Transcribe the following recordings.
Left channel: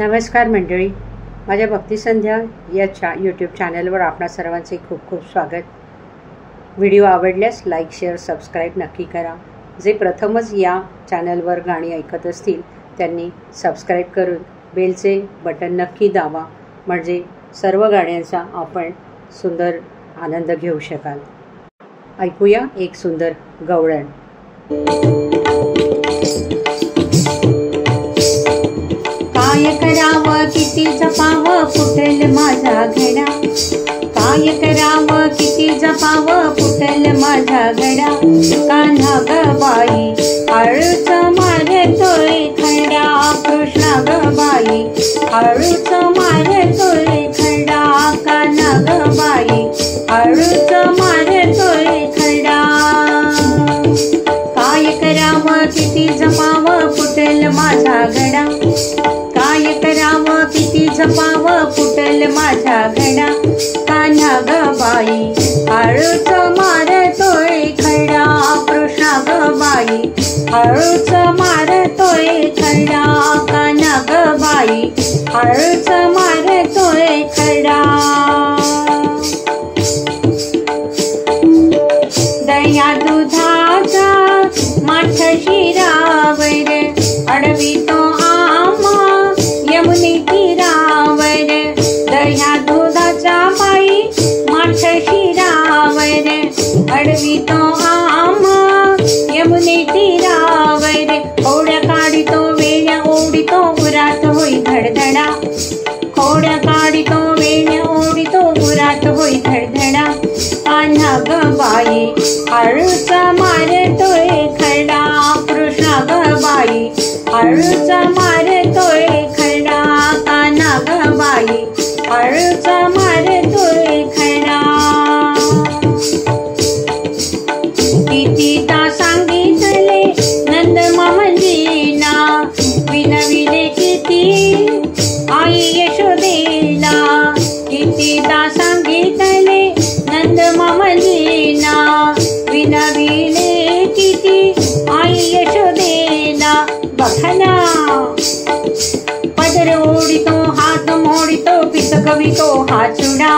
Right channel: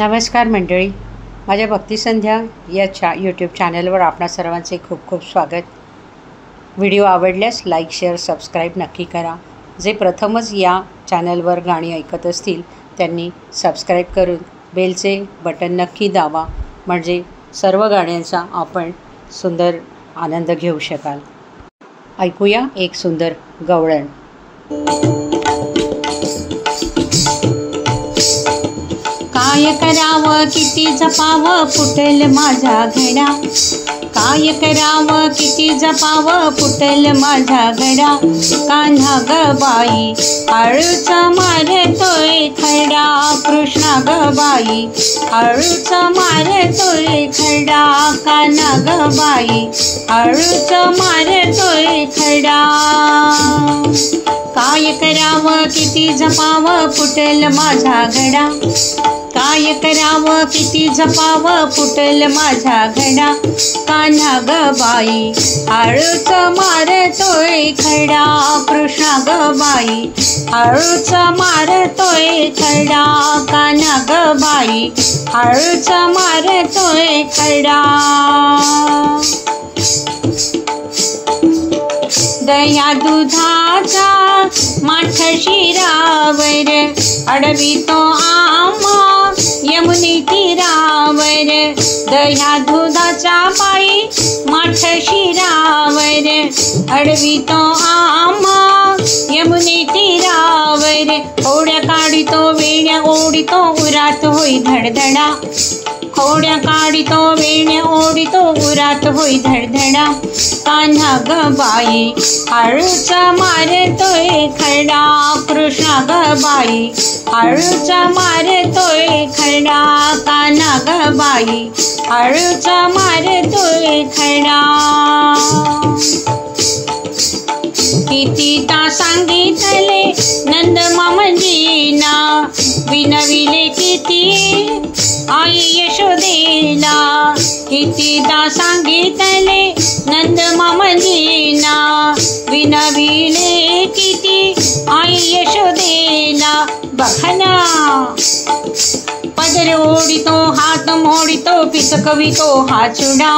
नमस्कार मंडळी, माझ्या भक्तिसंध्या या यूट्यूब चॅनलवर आपणा सर्वांचे खूप खूप स्वागत। व्हिडिओ आवडल्यास लाईक, शेअर, सबस्क्राईब नक्की करा। जे प्रथमच या चॅनलवर गाणी ऐकत असतील त्यांनी सबस्क्राईब करून बेलचे बटन नक्की दाबा, म्हणजे सर्व गाण्यांचा आपण सुंदर आनंद घेऊ शकाल। ऐकूया एक सुंदर गवळण। काय करावं किती जपावं फुटेल माझा घडा, काय करावं किती जपावं फुटेल माझा घडा। कान्हा ग बाई आळूच मारतोय खडा, कृष्णा ग बाई आळूच मारतोय खडा। कान्हा ग बाई आळूच मारतोय खडा। काय करावं किती जपावं फुटेल माझा घडा, काय करावं किती जपावं फुटेल माझा घडा। कान्हा ग बाई आळूच मारतोय खडा, कृष्णा ग बाई आळूच मारतोय खडा। कान्हा ग बाई आळूच मारतोय खडा। दया दुधाचा माठ शिरावर अडवितो आम्हा यमुनी तीरावर। दया दुधाचा बाई माठ शिरावर अडवितो आम्हा यमुनी तीरावर। खोड्या काढितो वेण्या ओढितो उरात होई धडधडा, खोड्या काढितो वेण्या ओढितो उरात होई धडधडा। कान्हा ग बाई आळूच मारतोय खडा, कृष्णा ग बाई आळूच मारतोय खडा। कान्हा ग बाई आळूच मारतोय खडा। कितीदा सांगितले नंद मामजीना, विनविले किती आई यशोदेला। कितीदा सांगितले नंद मामजीना, विनविले किती आई यशोदेला। बघना पदर ओढितो हात मोडितो पिचकवितो हा चुडा,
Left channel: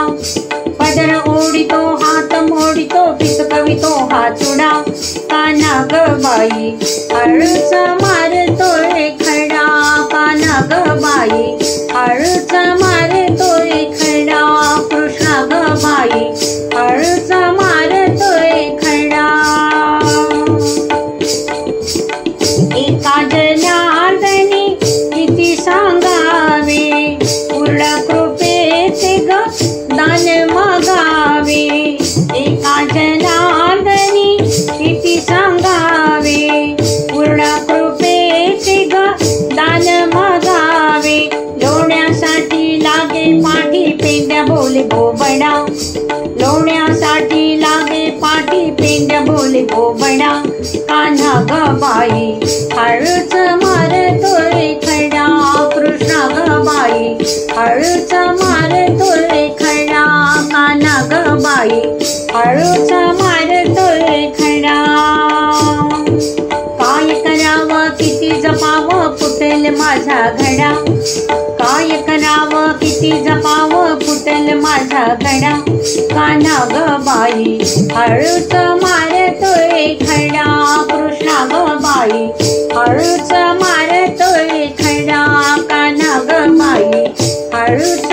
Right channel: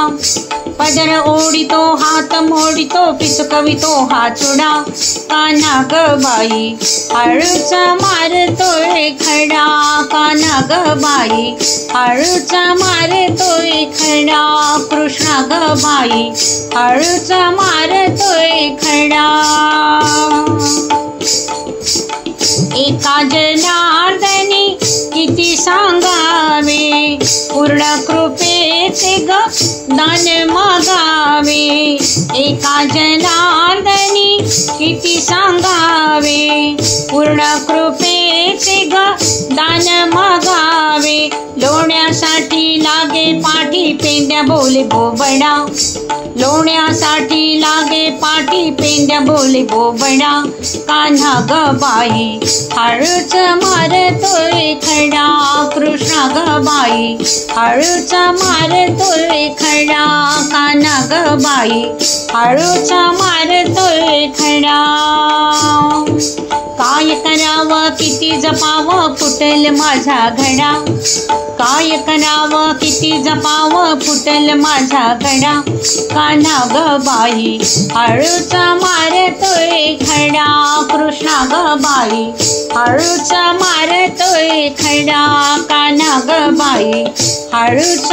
पदर ओढितो हात मोडितो पिचकवितो हा चुडा। कान्हा ग बाई आळूच मारतोय खडा, कान्हा ग बाई आळूच मारतोय खडा। कृष्णा ग बाई आळूच मारतोय खडा। एका जनार्दनी किती सांगावे, पूर्ण कृपेचे ग दान मागावे। एका जनार्दनी किती सांगावे, पूर्ण कृपेचे ग दान मागावे। लोण्यासाठी लागे पाठी पेंड्या बोले बोबडा, लोण्यासाठी लागे पाठी पेंड्या बोले बोबडा। कान्हा ग बाई आळूच मारतोय खडा, कृष्णा ग बाई आळूच मारतोय खडा। कान्हा ग बाई आळूच मारतोय खडा। काय करावं किती जपावं फुटेल माझा घडा, काय करावं किती जपावं फुटेल माझा घडा। कान्हा ग बाई आळूच मारतोय खडा, कृष्णा ग बाई आळूच मारतोय खडा। कान्हा ग बाई आळूच